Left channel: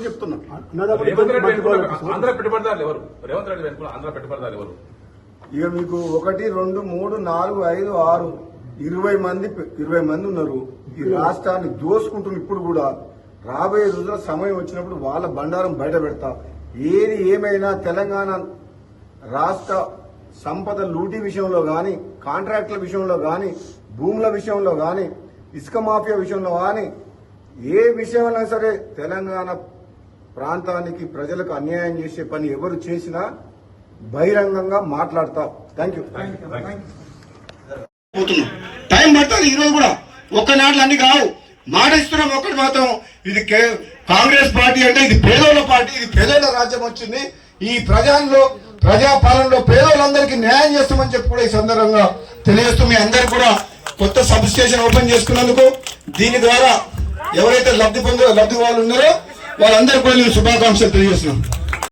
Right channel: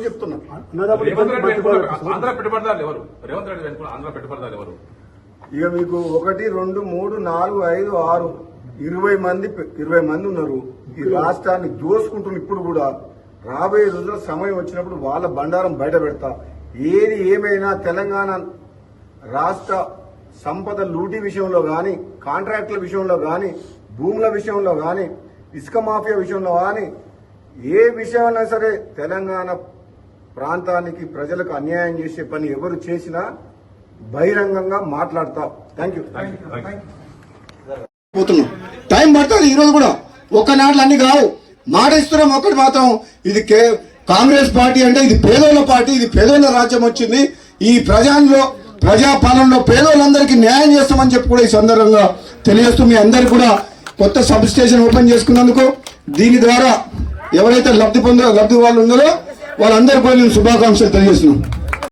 కూడా చెప్తున్నా ఇక మీకు ఒకటి రెండు మూడు నాలుగు ఐదు ఆరు ఇరవై మంది ఇరవై మంది ఉన్నారు. ఈ రాష్ట్రాన్ని దోసుకుంటున్న ఇప్పుడు కూడా రాబోయే రోజుల్లో సమయం వచ్చినప్పుడు వాళ్ళ బండారం బయట పెడతా. ఏది ఏమైనా తెలంగాణ రాష్ట్ర సంపద లూటీ విషయంలో గాని కాంట్రాక్టుల విషయంలో గాని భూముల విషయంలో గాని ఇసుక మాఫియా విషయంలో గాని ఏ విషయంలో సరే తెలంగాణ ప్రాంతానికి ప్రజలకు అన్యాయం చేసే పని ఎవరు చేసినా బహిరంగంగా మాట్లాడతా. థ్యాంక్ యూ పోతున్నాం. టైం పడుతుంది ఈ రోజు కూడా. ఒక్క నాట్లు అన్ని కావు. మాట ఇస్తున్నాం ఒకటి మాత్రం. ఇది కే- కాంగ్రెస్ పార్టీ అంటే ఇది పేదోళ్ళ పార్టీ ఇది పేదోళ్ళ రాజ్యం వచ్చింది. ఈ ప్రజల్లో ప్రజాపాలనలో పేదోళ్ళందరికీ న్యాయం చేస్తామని చెప్పి కూడా ఈ సందర్భంగా తెలియజేస్తూ మీ అందరు కూడా కొత్త సబ్ స్టేషన్ ఓపెన్ చేసుకున్నందుకు దీని ద్వారా ఎవరైతే లబ్ధి పొందో లబ్ధి వాళ్ళు ఉన్నారో వాళ్ళందరికీ కూడా నేను శుభాకాంక్షలు తెలియజేస్తున్నాను.